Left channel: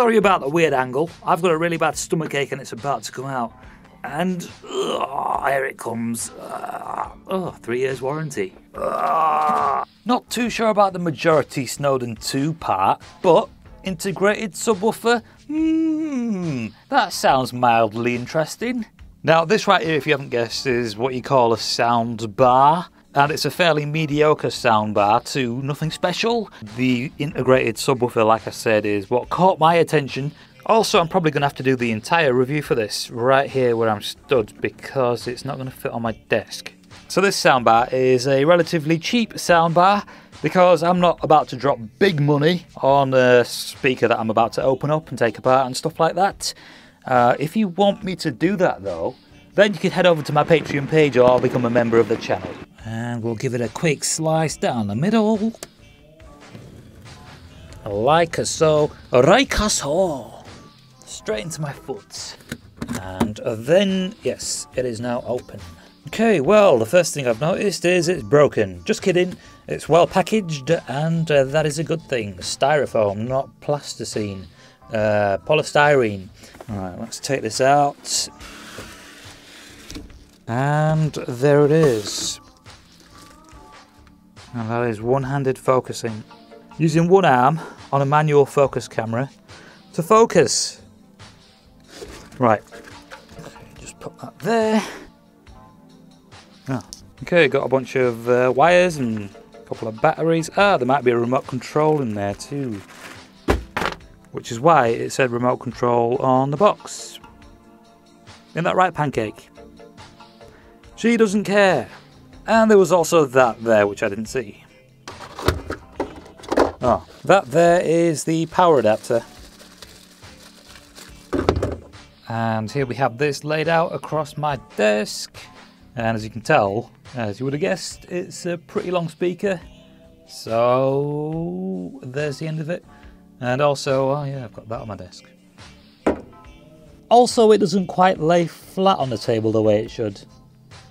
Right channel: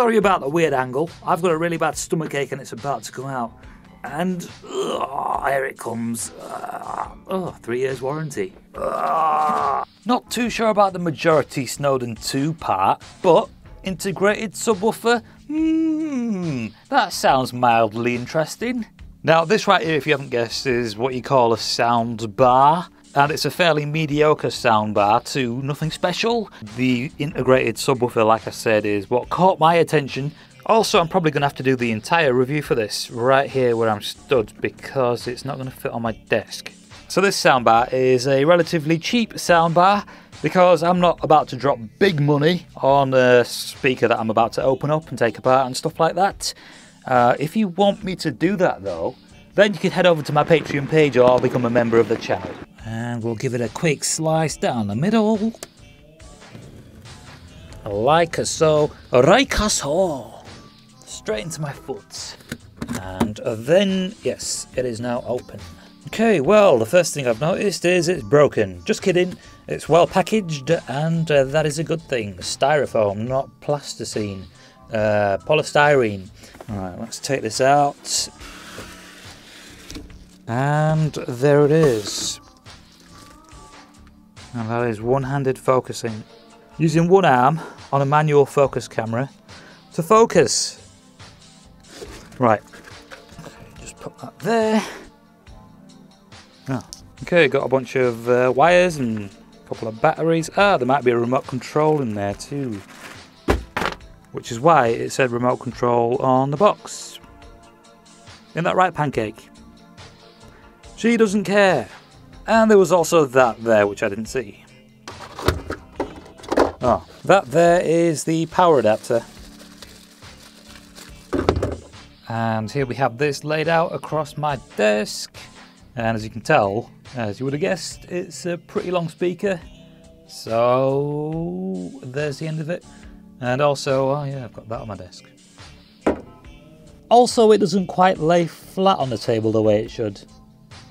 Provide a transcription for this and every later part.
Sorry about the weird angle. I've got a really bad stomachache and it's about to come out. And here it comes. 3 years warranty. Not too sure about the majority Snowden 2 part, but integrated subwoofer? That sounds mildly interesting. Now this right here, if you haven't guessed, is what you call a soundbar. And it's a fairly mediocre soundbar too, nothing special. The integrated subwoofer, like I said, is what caught my attention. Also, I'm probably going to have to do the entire review for this right here where I'm stood because it's not going to fit on my desk. So this soundbar is a relatively cheap soundbar because I'm not about to drop big money on a speaker that I'm about to open up and take apart and stuff like that. If you want me to do that though, then you can head over to my Patreon page or become a member of the channel. And we'll give it a quick slice down the middle. Like so. Straight into my foot. And then, yes, it is now open. Okay, well, the first thing I've noticed is it's broken. Just kidding. It's well packaged, and that is a good thing. Styrofoam, not plasticine. Polystyrene. Alright, let's take this out. And there it is. And that is one-handed focusing. Using one arm on a manual focus camera to focus. Right. Okay, just put that there. Oh. Okay, got a bunch of wires and a couple of batteries. There might be a remote control in there too. Which is why it said remote control on the box. Isn't that right, Pancake? She doesn't care. And there was also that there, which I didn't see. Oh, that there is the power adapter. And here we have this laid out across my desk. And as you can tell, as you would have guessed, it's a pretty long speaker. So there's the end of it. And also, oh yeah, I've got that on my desk. Also, it doesn't quite lay flat on the table the way it should.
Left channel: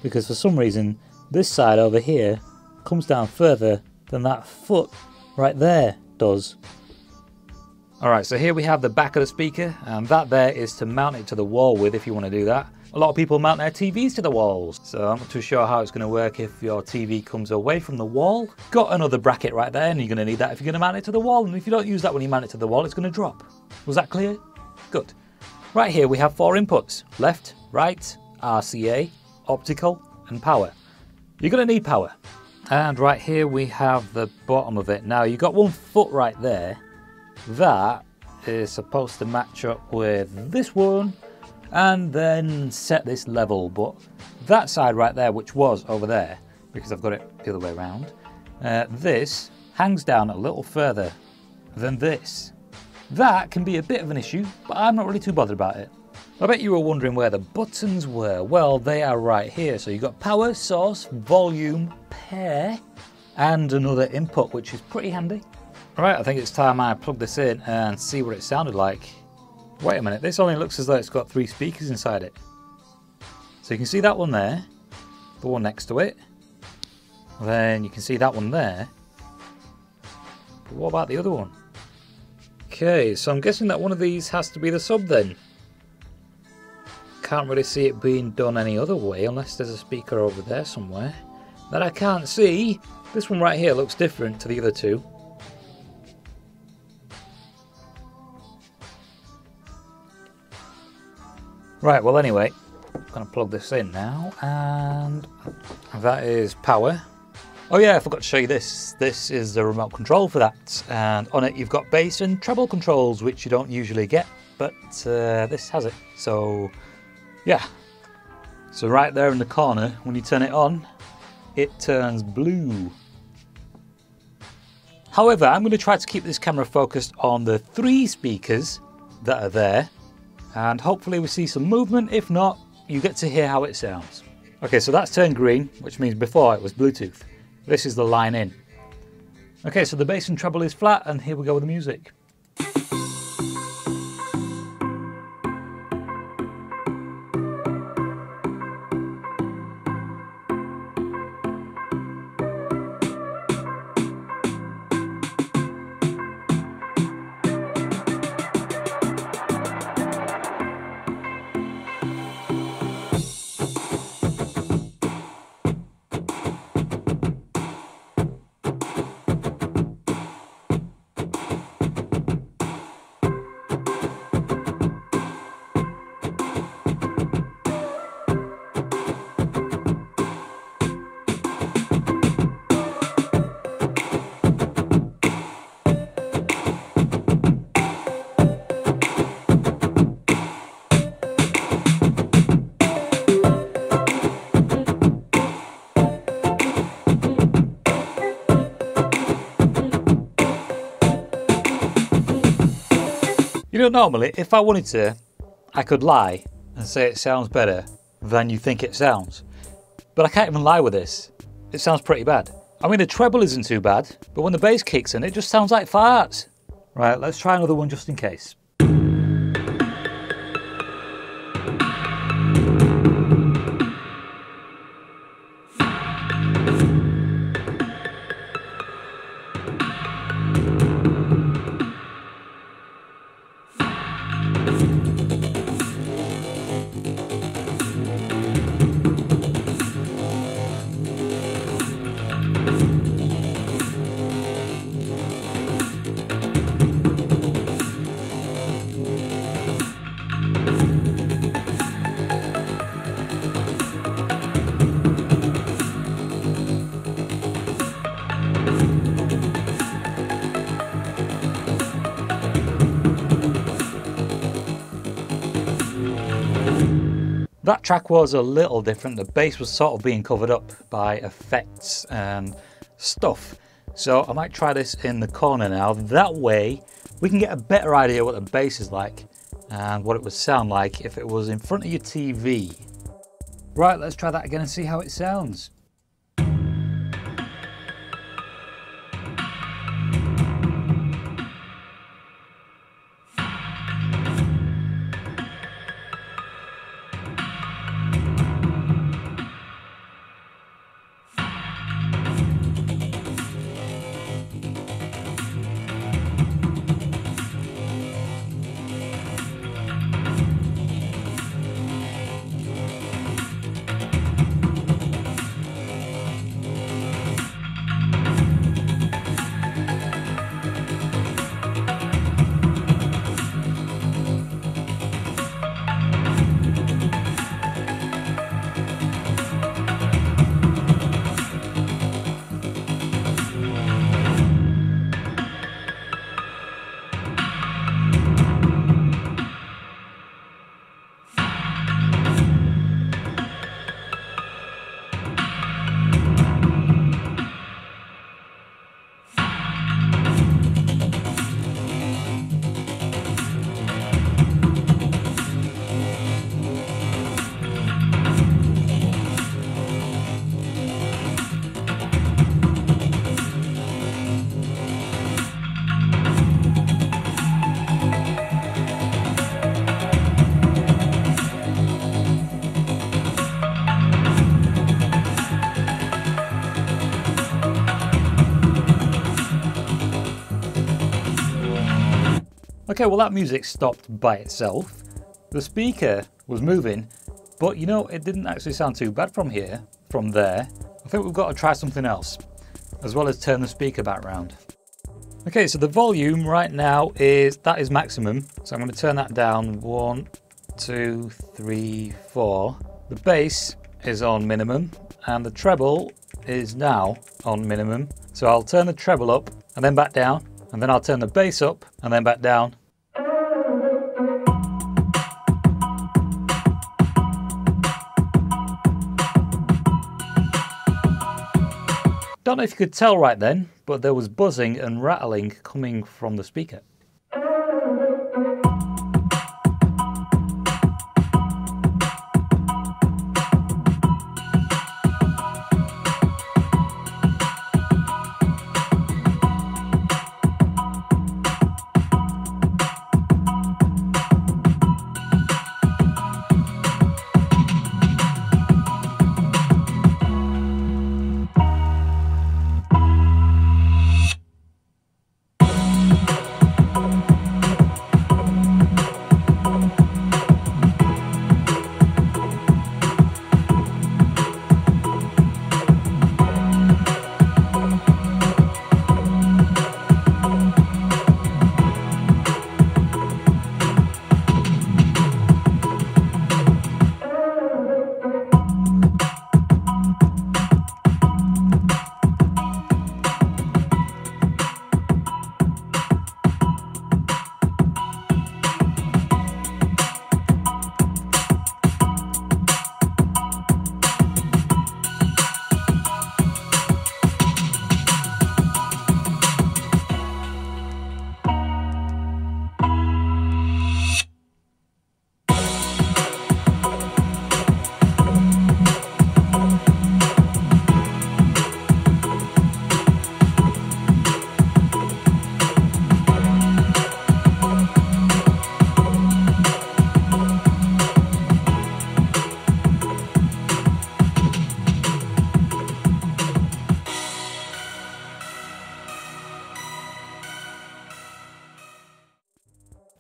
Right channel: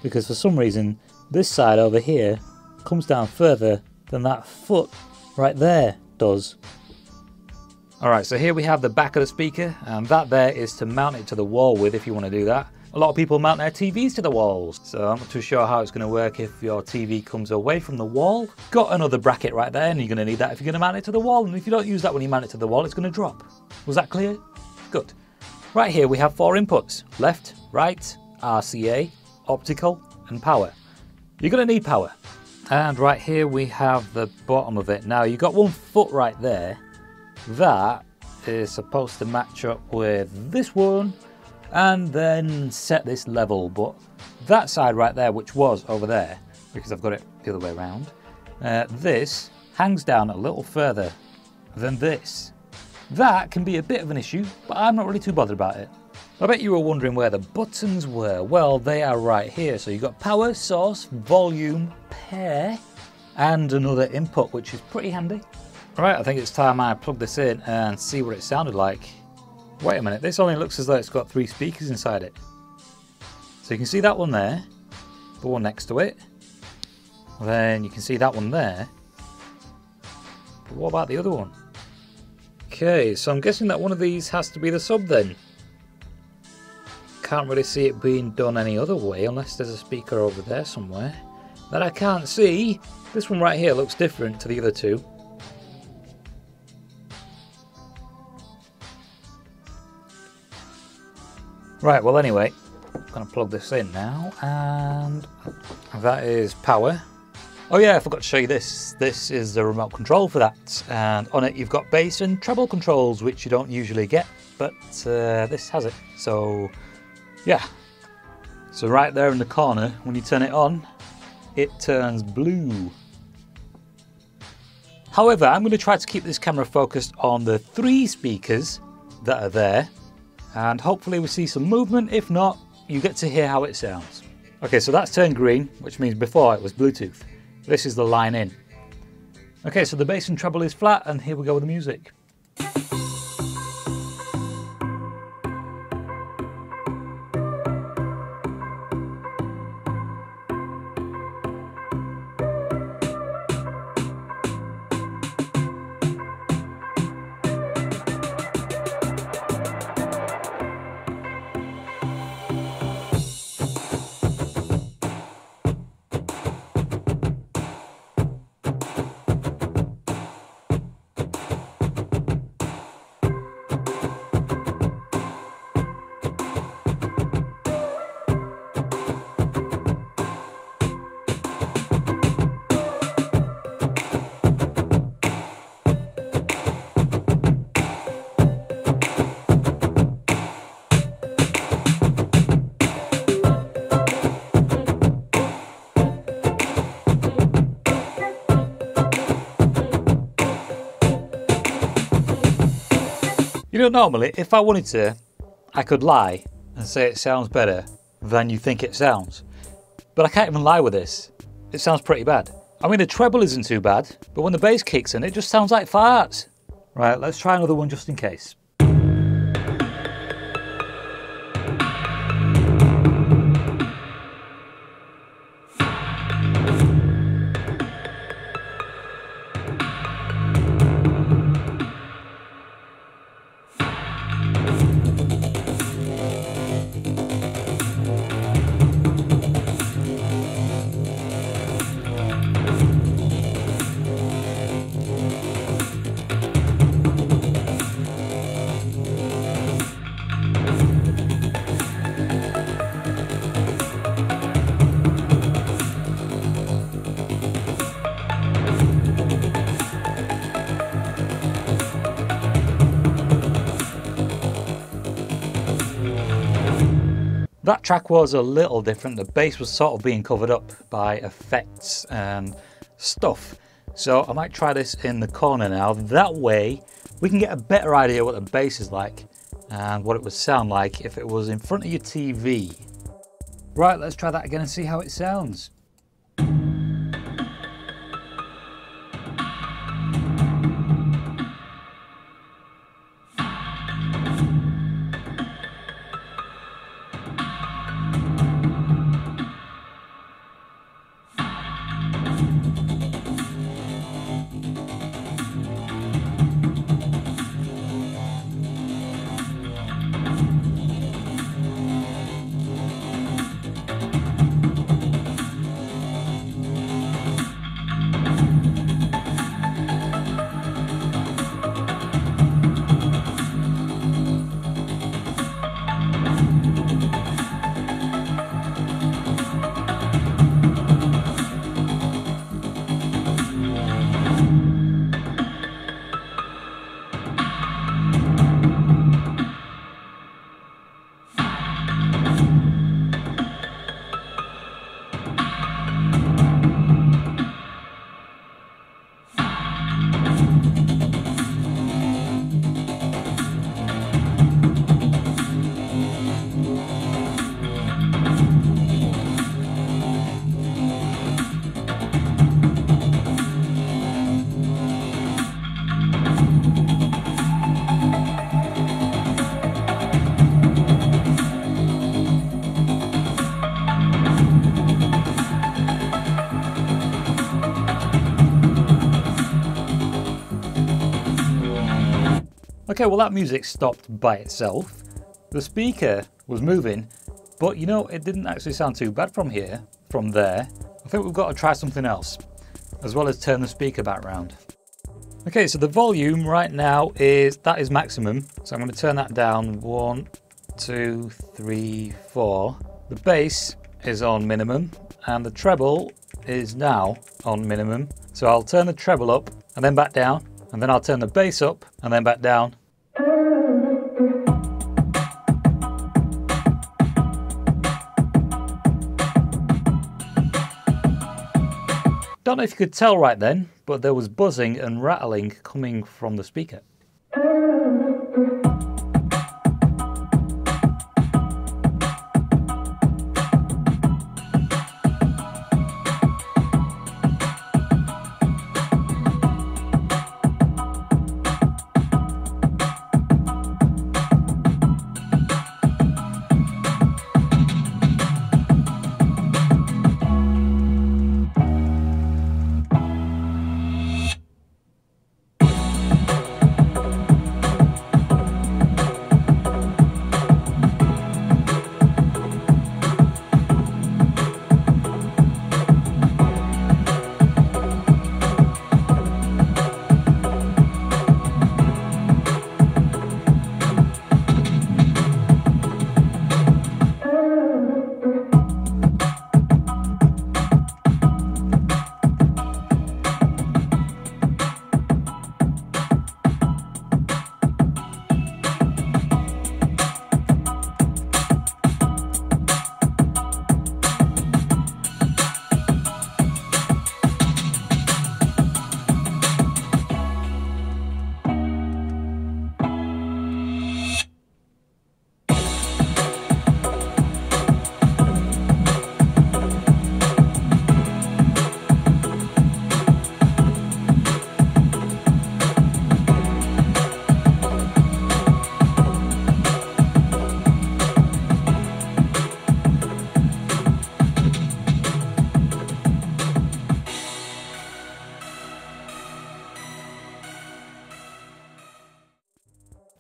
Because for some reason, this side over here comes down further than that foot right there does. Alright, so here we have the back of the speaker, and that there is to mount it to the wall with if you want to do that. A lot of people mount their TVs to the walls, so I'm not too sure how it's going to work if your TV comes away from the wall. Got another bracket right there, and you're going to need that if you're going to mount it to the wall, and if you don't use that when you mount it to the wall, it's going to drop. Was that clear? Good. Right here we have 4 inputs: left, right, RCA, optical, and power. You're going to need power. And right here we have the bottom of it. Now you've got 1 foot right there. That is supposed to match up with this one and then set this level, but that side right there, which was over there, because I've got it the other way around, this hangs down a little further than this. That can be a bit of an issue, but I'm not really too bothered about it. I bet you were wondering where the buttons were. Well, they are right here. So you've got power, source, volume, pair, and another input, which is pretty handy. Right, I think it's time I plug this in and see what it sounded like. Wait a minute, this only looks as though it's got 3 speakers inside it. So you can see that one there, the one next to it. Then you can see that one there. But what about the other one? Okay, so I'm guessing that one of these has to be the sub then. Can't really see it being done any other way unless there's a speaker over there somewhere that I can't see. This one right here looks different to the other 2. Right, well anyway, I'm going to plug this in now, and that is power. Oh yeah, I forgot to show you this. This is the remote control for that, and on it you've got bass and treble controls, which you don't usually get, but this has it. So yeah, so right there in the corner, when you turn it on, it turns blue. However, I'm going to try to keep this camera focused on the 3 speakers that are there, and hopefully we see some movement. If not, you get to hear how it sounds. Okay, so that's turned green, which means before it was Bluetooth. This is the line in. Okay, so the bass and treble is flat, and here we go with the music. You know, normally, if I wanted to, I could lie and say it sounds better than you think it sounds. But I can't even lie with this. It sounds pretty bad. I mean, the treble isn't too bad, but when the bass kicks in, it just sounds like farts. Right, let's try another one just in case. That track was a little different. The bass was sort of being covered up by effects and stuff. So I might try this in the corner now. That way we can get a better idea what the bass is like and what it would sound like if it was in front of your TV. Right, let's try that again and see how it sounds. Okay, well that music stopped by itself. The speaker was moving, but you know, it didn't actually sound too bad from here, from there. I think we've got to try something else, as well as turn the speaker back round. Okay, so the volume right now is maximum. So I'm going to turn that down 1, 2, 3, 4. The bass is on minimum and the treble is now on minimum. So I'll turn the treble up and then back down, and then I'll turn the bass up and then back down. Don't know if you could tell right then, but there was buzzing and rattling coming from the speaker.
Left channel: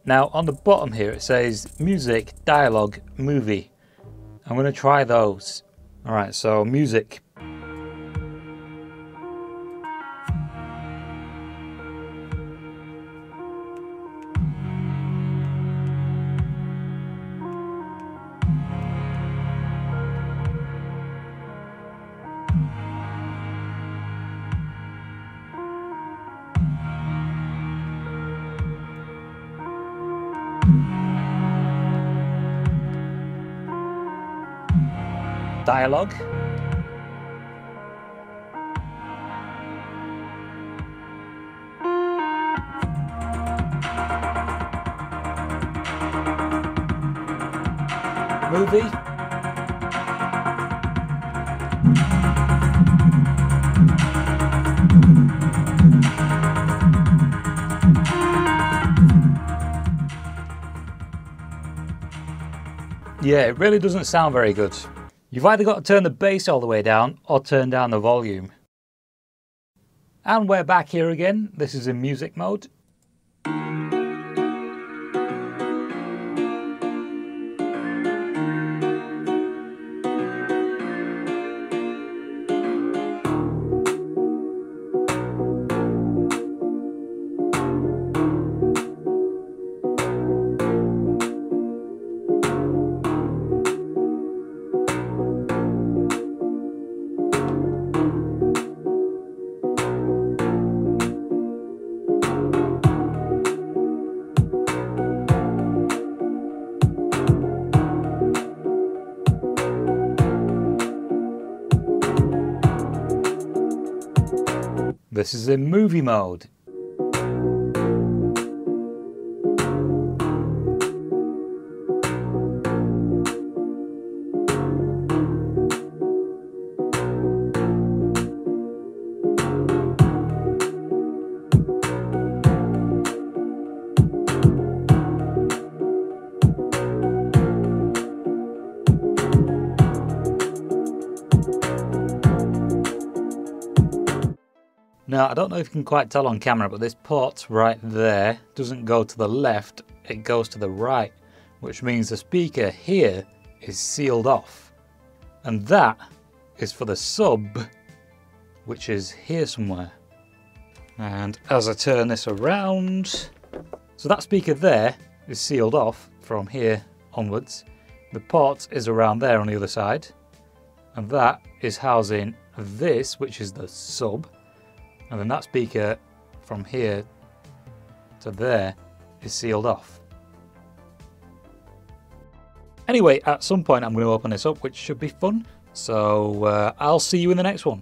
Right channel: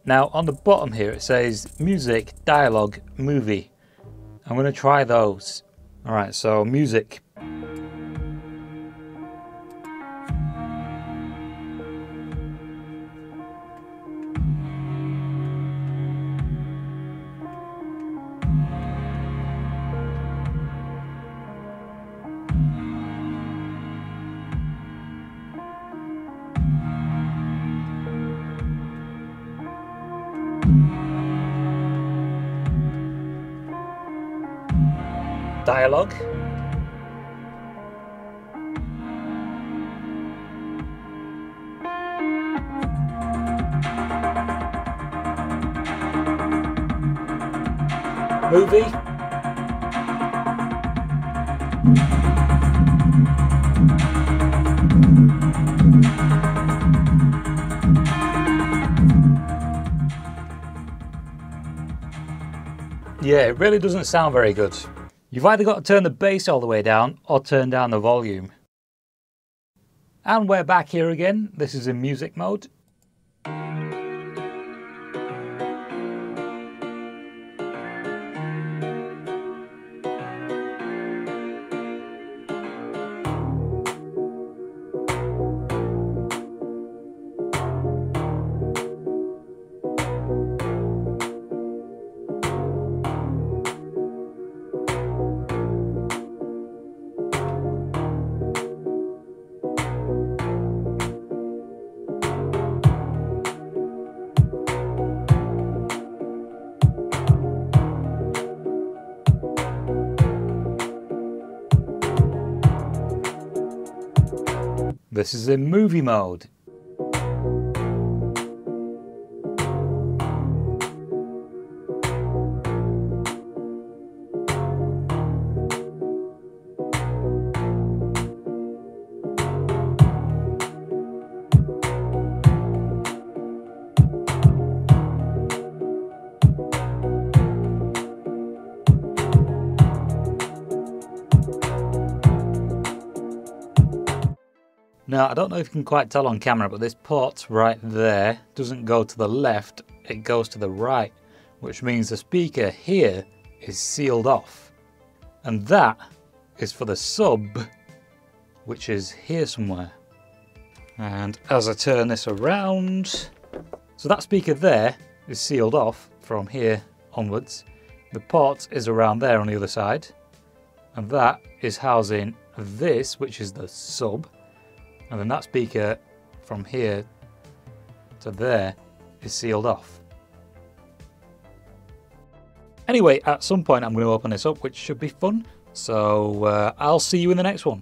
Now on the bottom here it says music, dialogue, movie. I'm going to try those. Alright, so music. Dialogue. Movie. Yeah, it really doesn't sound very good. You've either got to turn the bass all the way down or turn down the volume. And we're back here again. This is in music mode. This is in movie mode. Now, I don't know if you can quite tell on camera, but this port right there doesn't go to the left, it goes to the right, which means the speaker here is sealed off. And that is for the sub, which is here somewhere. And as I turn this around, so that speaker there is sealed off from here onwards. The port is around there on the other side. And that is housing this, which is the sub. And then that speaker from here to there is sealed off. Anyway, at some point I'm going to open this up, which should be fun. So I'll see you in the next one.